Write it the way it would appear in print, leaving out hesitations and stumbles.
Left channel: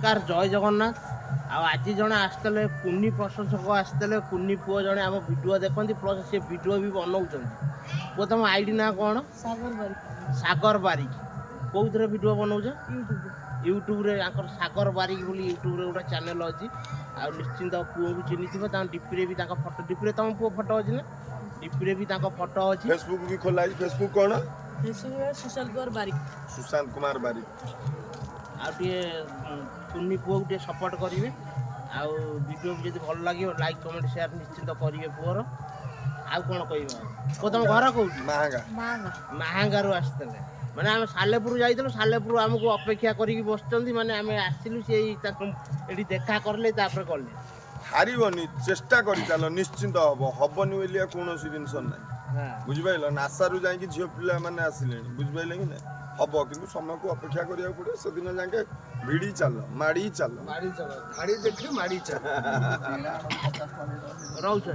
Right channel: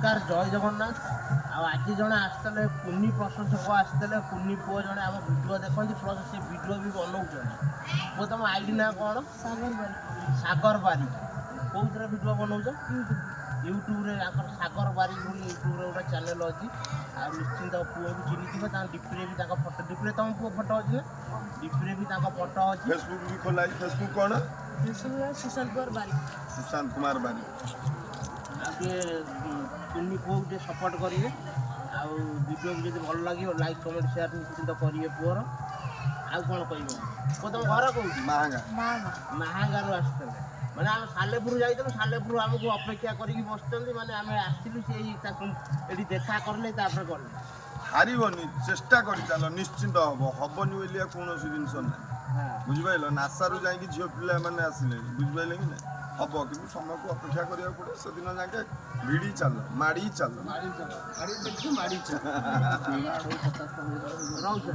ନମସ୍କାର ଜୟ ଜଗନ୍ନାଥ। ଆଉ ଆଜି ଜଣେ ଆସିଥିଲେ କୁନି ପ୍ରଶଂସକ ଆସିଥିଲେ, କୁନି ପୁଅ ଜଣେ ଆମ ଭିଡ଼ିଓ ଦେଖନ୍ତି ପ୍ଲସ୍ ସେ ଭିଡ଼ିଓ ବି ବନଉଛନ୍ତି। ପୁଅ ତମ ଆଇଡି ନାଁ କ'ଣ? ସାଗର ବାରିକ। କୋଉଥିରେ ଭିଡ଼ିଓ ବନଉଛ? ୟୁଟ୍ୟୁବରେ। ତାଙ୍କର ସାଗର ବାରିକ ବୋଲି ୟୁଟ୍ୟୁବରେ ଗୋଟେ ଚ୍ୟାନେଲ୍ ଅଛି। ଆଉ ନିଶ୍ଚିନ୍ତ ପୁଅକୁ ଚିହ୍ନିଥିବ, ତାଙ୍କ ଡିପିରେ ବି ତାଙ୍କ ଫଟୋ, ଡିପିରେ ତମ ପୁଅ ଫଟୋ ଅଛି ନା? ଡିପିରେ ବି ତାଙ୍କ ଫଟୋ ଅଛି। ଫେସବୁକ୍ ବି ଖୋଲା ହେଇଛି। ଫେସବୁକ୍ କ'ଣ? ସୁଶାନ୍ତ କୁମାର ବାରିକ। ସୁଶାନ୍ତ କୁମାର ବାରିକ। ଆଉ ଟିକେ କୁନି ପୁଅକୁ ଟିକେ ସପୋର୍ଟ କରିବେ। ଆଉ ଭିଡ଼ିଓକୁ ଯଦି ଭଲ ଲାଗିବ ଲାଇକ୍ କମେଣ୍ଟ ସେୟାର ନିଶ୍ଚିନ୍ତ କରିବେ ପୁଅର। ଆଉ କ'ଣ କହିବ? ପୁଅ ତମ ଘର କୋଉଠି? ମାହାଙ୍ଗା। ମାହାଙ୍ଗାରୁ ଆସିଥିଲେ। ମାନେ ଆମେ ସାଲେପୁର ଯାଇଥିଲୁ, ସାଲେପୁର ଆମକୁ ଅପେକ୍ଷା କରିକି ବସିଛନ୍ତି। ମାନେ ଆମେ ଆସିଲୁ, ସେଇ ତାକୁ ଏଠି ଦେଖା କରିଲେ ତାପରେ ଗଲେ। ହାରିବନି, ଚେଷ୍ଟା କରିଚାଲ, ନିଶ୍ଚିନ୍ତ ହବ। ହବନି ବୋଲି କୌଣସି ଜିନିଷ ନାହିଁ, ବୁଝିପାରିଲ? ନାସାରୁ ଯାଇକି ଝିଅ ପିଲାମାନେ ଆସିଲେଣି, ବୁଝିପାରିଲେ କି ନାହିଁ? ହବ, କିନ୍ତୁ ସମୟକୁ ଅପେକ୍ଷା କରିବାକୁ ପଡ଼ିବ। ସେଦିନ ଯାକେ ଭିଡ଼ି ଚାଲ, ମାଡ଼ି ଚାଲ, ମାଡ଼ି ଦେଖି ମାଡ଼ି ଚାଲ। ରହୁଛ